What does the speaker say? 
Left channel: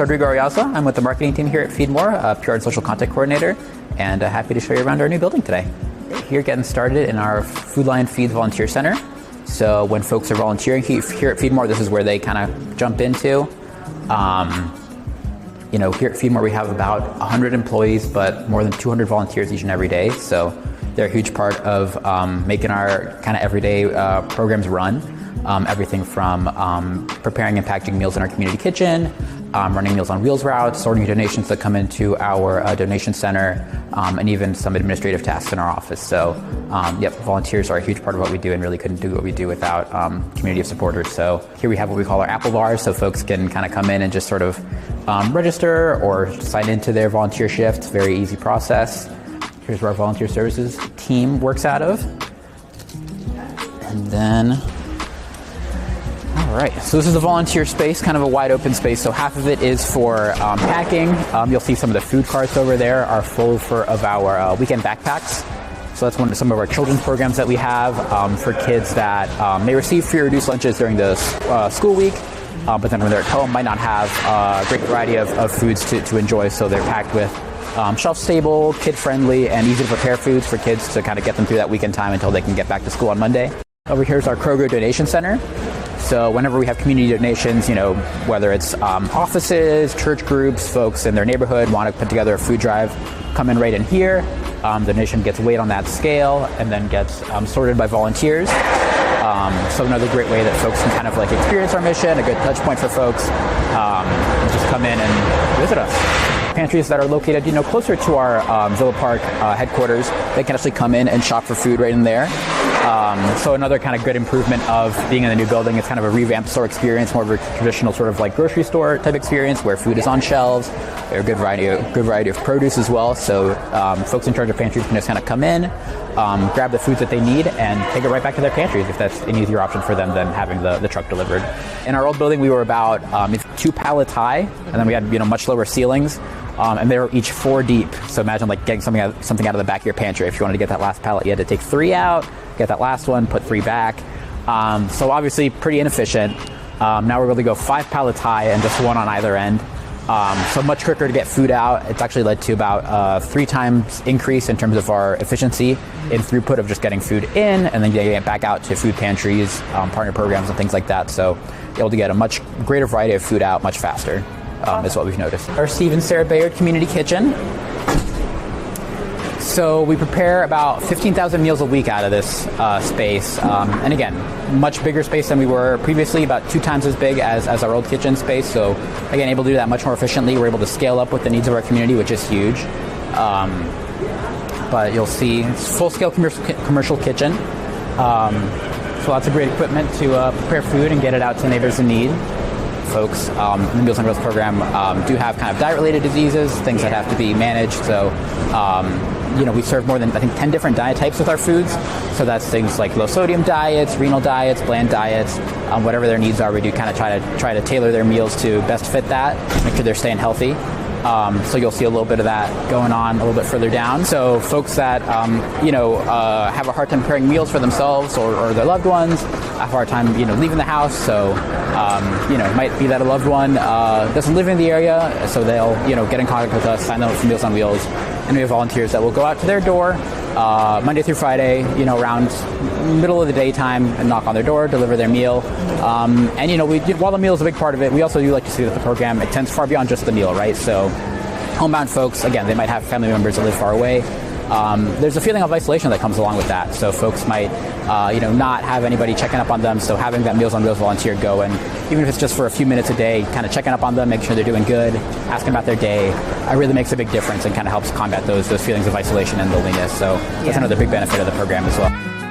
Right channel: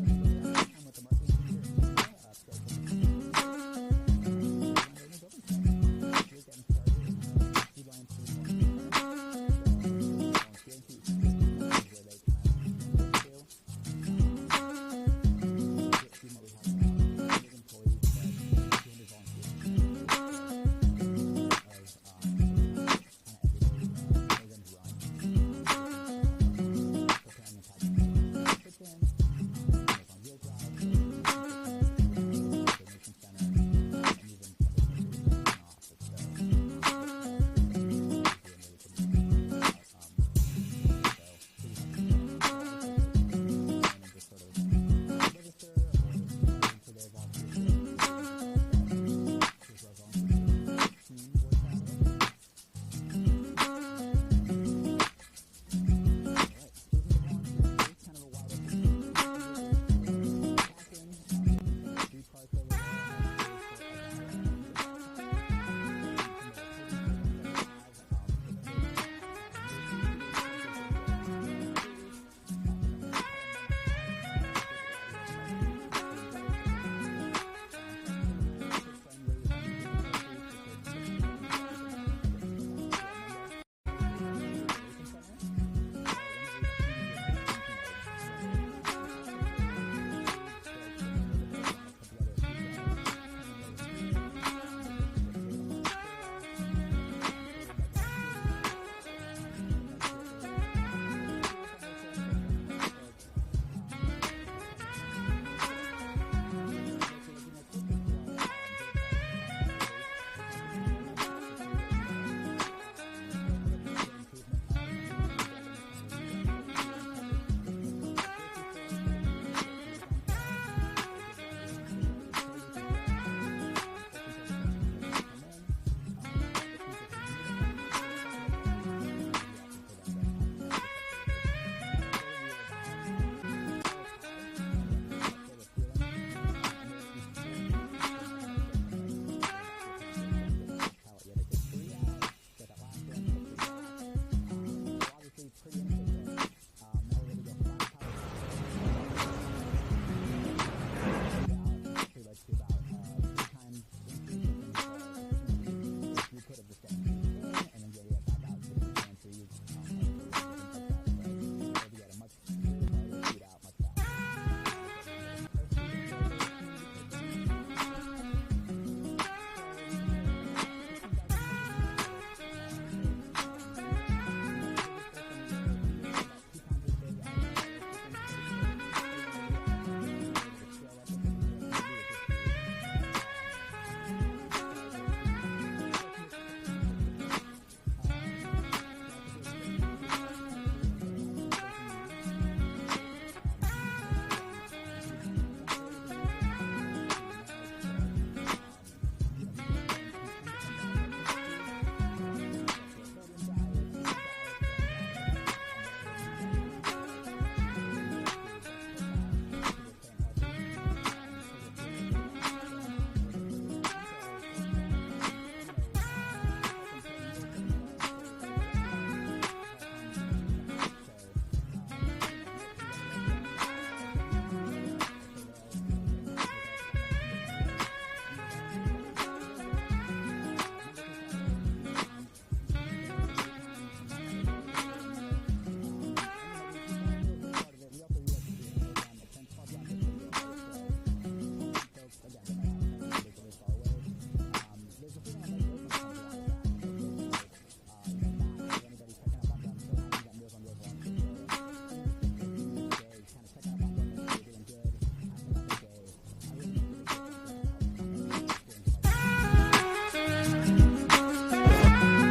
Rodrigo Ariaza. I'm with the marketing team here at Feedmore, PR and social content coordinator, and happy to show you around our new building today. Here getting started in our Food Lion Feeds Volunteer Center. So when folks are volunteering here at Feedmore, this is where they kind of jump into. Here at Feedmore we have about 100 employees, but more than 200 volunteers each and every day. So they're a huge part of making our kind of everyday programs run. Everything from preparing and packaging meals in our community kitchen, running Meals on Wheels routes, sorting donations that come into our donation center, and even some administrative tasks in our office. So, volunteers are a huge part of what we do and really couldn't do what we do without community of supporters. So here we have what we call our Apple bars, so folks can kind of come in and just sort of register or sign into their volunteer shift. Very easy process. Here's where our volunteer services team works out of. And then, all right, so this is a volunteer space, kind of a wide open space. So half of it is for packing. You'll see some of the food carts over there are full of our weekend backpacks. So that's some of our children's programs that we have for kids that may receive free or reduced lunches during the school week, but then when they're at home might not have a great variety of foods to enjoy. So they're packed with shelf-stable, kid-friendly, and easy-to-prepare foods for kids to kind of get them through that weekend time until they can get back to school on Monday. Over here is our Kroger Donation Center. So whenever we have community donations, whether it's offices, church groups, folks in their neighborhood want to put together a food drive, come in right in here. The donation gets weighed on that scale and then gets sorted by volunteers. So another great way that folks can kind of like experience our mission, a good touch point for folks, just come in and visit us. Pantries that are located, closer to our Villa Park headquarters, they can actually come in and shop for food right in there. So another kind of good improvement of being in the new building. It's kind of a revamped store experience, more of a traditional sort of like grocery store type experience where food is on shelves. There's a good variety of produce as well. So folks in charge of pantries can just kind of come in, grab the foods that they need, and take it right back to their pantries if that's an easier option for them than having the truck delivered. In our old building, we were about 2 pallets high, and then we had much lower ceilings. And they were each 4 deep. So imagine like getting something out of the back of your pantry. If you wanted to get that last pallet, you had to take 3 out, get that last one, put 3 back. So obviously pretty inefficient. Now we're able to go 5 pallets high and just 1 on either end. So much quicker to get food out. It's actually led to about 3 times increase in terms of our efficiency in throughput of just getting food in and then getting it back out to food pantries, partner programs and things like that. So able to get a much greater variety of food out much faster. Is what we've noticed. Our Steve and Sarah Bayard Community Kitchen. So we prepare about 15,000 meals a week out of this space. And again, much bigger space than we were previously, about 2 times as big as our old kitchen space. So again, able to do that much more efficiently. We're able to scale up with the needs of our community, which is huge. But you'll see it's full-scale commercial kitchen. So lots of great equipment to prepare food and get it out to neighbors in need. Folks in the Meals on Wheels program do have kind of diet-related diseases, things that have to be managed. So, we serve more than, 10 different diet types with our foods. So that's things like low-sodium diets, renal diets, bland diets, whatever their needs are. We do kind of try to tailor their meals to best fit that, make sure they're staying healthy. So you'll see a little bit of that going on a little bit further down. So folks that, have a hard time preparing meals for themselves or their loved ones, have a hard time, leaving the house. So, it might be that a loved one doesn't live in the area, so they'll, get in contact with us, sign them up for Meals on Wheels, and we have volunteers that will go out to their door Monday through Friday, around middle of the daytime and knock on their door, deliver their meal. While the meal is a big part of it, we also do like to see that the program extends far beyond just the meal, right? So homebound folks, again, they might have family members that live far away. There's a feeling of isolation that comes along with that. So folks might, not have anybody checking up on them. So having that Meals on Wheels volunteer go and even if it's just for a few minutes a day, kind of checking up on them, making sure they're doing good, asking about their day, it really makes a big difference and kind of helps combat those feelings of isolation and loneliness. So that's another big benefit of the program as well.